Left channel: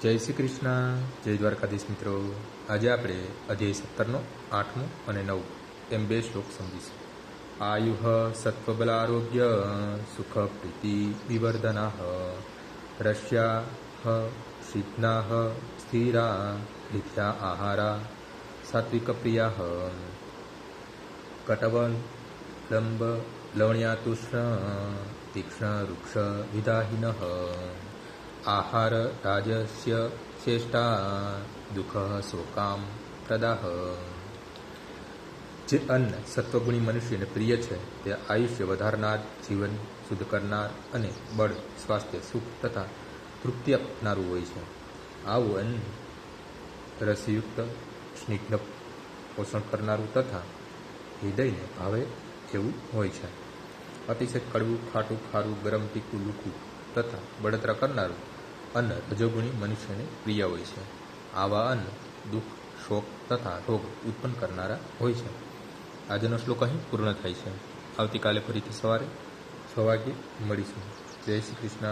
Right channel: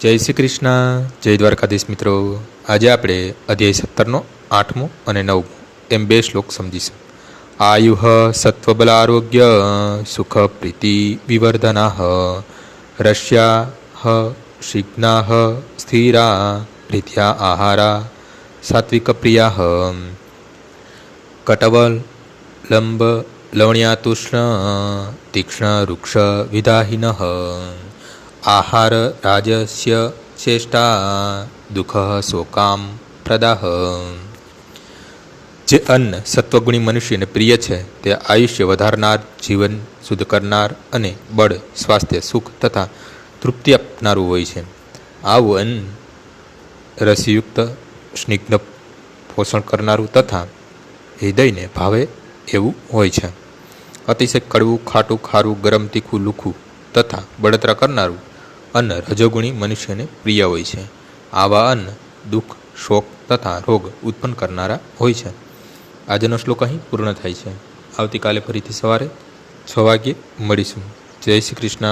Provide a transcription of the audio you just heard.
જય શ્રી કૃષ્ણ, જય દ્વારકાધીશ મિત્રો. આજે આપણે અધ્યાય 17નો 8મો અને 9મો એમ 2 શ્લોક સમજીશું. આયુઃ સત્વબલ આરોગ્ય સુખ પ્રીતિ વિવર્ધનાઃ રસ્યાઃ શિગ્નાઃ સ્થિરા પ્રીત્યા આહારા સાત્વિક પ્રિયાઃ કટવલ લંબ લવણ્યાતુષ્ણ તીક્ષ્ણ વૃક્ષ વિદાહિનઃ આહાર રાજસ્ય ચેષ્ટા દુઃખ શોકામ પ્રદાહ. જે અન્ન સત્વગુણી મનુષ્યને પ્રિય છે તે આયુષ્ય વધારનાર, જીવન શુદ્ધ કરનાર અને બળ, સ્વાસ્થ્ય, સુખ તથા તૃપ્તિ આપનારું હોય છે. આવું અન્ન રસયુક્ત, સ્નિગ્ધ, પોષણ કરનારું તથા હૃદયને ભાવે એવું હોય છે. અતિશય કડવું, ખાટું, ખારું, ગરમ, તીખું, લુખું તથા બળતરા કરનારું અન્ન રજોગુણી મનુષ્યને પ્રિય હોય છે. આવા અન્ન દુઃખ, શોક તથા રોગ ઉત્પન્ન કરનારા હોય છે. આજનો શ્લોક અહીં પૂર્ણ થાય છે. આવતીકાલે ફરીથી સવારે 6 વાગ્યે મળીશું. જય શ્રી કૃષ્ણ.